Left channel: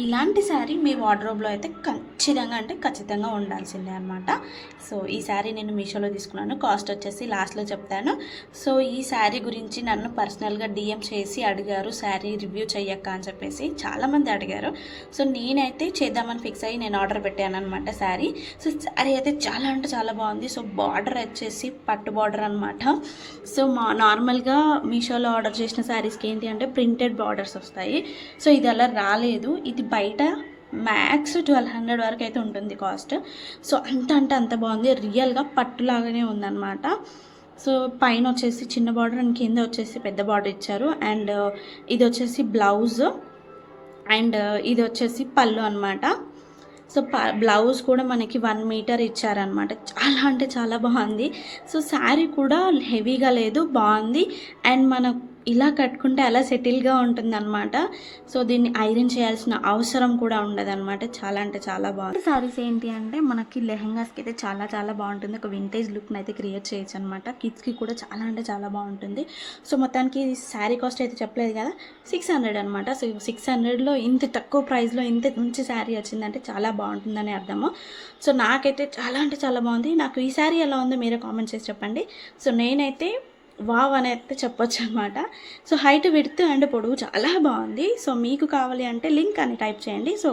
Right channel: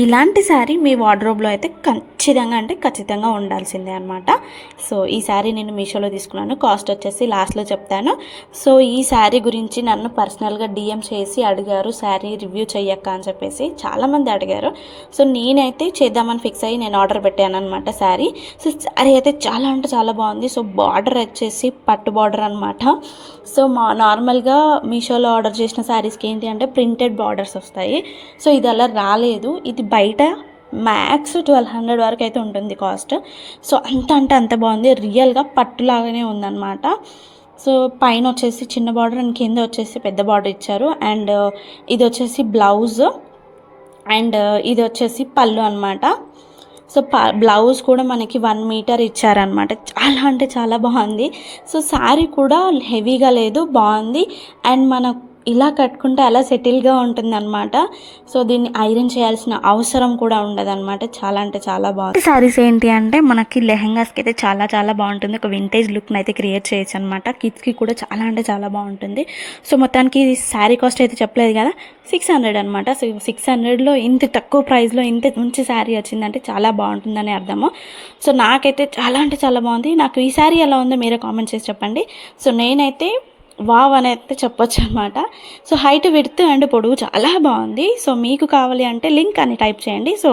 ఇలాంటి శారీ మీ వార్డ్రోబ్లో అయితే ఖచ్చితంగా ఉండాల్సిందే అనమాట. సో ఈ శారీ నేను మీషోలో తీసుకున్నాను. కాస్ట్ వచ్చేసి లాస్ట్లో చెప్తాను. సో ఈ శారీ గురించి నన్ను పర్సనల్గా డిఎం చేసి అడిగారు, శారీ రివ్యూ చెయ్యక్క అని చెప్పేసి చాలామంది అడిగారు. సో నేనైతే చేద్దామని ఫిక్స్ అయ్యి నేను ఆర్డర్ పెట్టాను అనమాట శారీ. సో శారీ అయితే చాలా అంటే చాలా బాగుంది. సో బార్డర్ వచ్చేసి పట్టు బార్డర్ అనమాట. సో నార్మల్గా మీషోలో ఆర్డర్ చేసిన శారీస్కి ఏంటి అంటే ప్రింటెడ్ బార్డర్స్ వస్తాయి. సో ఇది అలా రాలేదు. ఇది బయట మ్యాక్స్ 1200 వరకు అయితే ఉంటుంది కాస్ట్. సో అంత బాగుంది. రియల్గా పట్టులాగానే ఉందన్నమాట. సో పైన వచ్చేసి చిన్న బార్డర్ అండ్ కింద వచ్చేసి పెద్ద బార్డర్ ఇచ్చారు. అండ్ ఇది వచ్చేసి బ్లౌజ్ అండ్ ఇది వచ్చేసి పళ్ళు అనమాట. సో బ్లౌజ్ కూడా మనకి 1 మీటర్ ఇచ్చారనమాట. చాలా అంటే చాలా బాగుంది. సో శారీ కూడా హెవీగా లేదు, బాగుంది. అండ్ మన ఇలా కట్టుకుంటే అలా సెటిల్గా ఉంటుందన్నమాట. సో దీన్ని ఐరన్ చేయాల్సిన అవసరం కూడా ఉండదన్నమాట. చాలా అంటే చాలా బాగుంది. శారీస్ ఏంటి అంటే మనకి లెహెంగాస్కి అయితే చాలా బాగుంటుంది. ఒక వింటేజ్ లుక్ని అయితే క్రియేట్ చేయొచ్చు అనమాట. కిడ్స్కి కూడా చాలా అంటే చాలా బాగుంటుంది. సో మొత్తానికి శారీ కాస్ట్ అయితే చెప్పలేదు కదా, 600 అనమాట. సో 600లో ఇంత తక్కువ ప్రైస్లో ఇంత మంచి శారీ వచ్చిందంటే చాలా బాగుంటుందని అర్థము. సో నాకైతే చాలా అంటే చాలా బాగుంది. నాకు ఈ శారీ ఎలా ఉందో మీరే కామెంట్ చేసి చెప్పండి. సో నేనైతే వావ్ అని అయితే చెప్పొచ్చు అనమాట. సో హైట్, విడ్త్ అండ్ పొడవు చాలా బాగుంది. సో మీకు కావాలి అంటే లింక్ అని టైప్ చేయండి. సో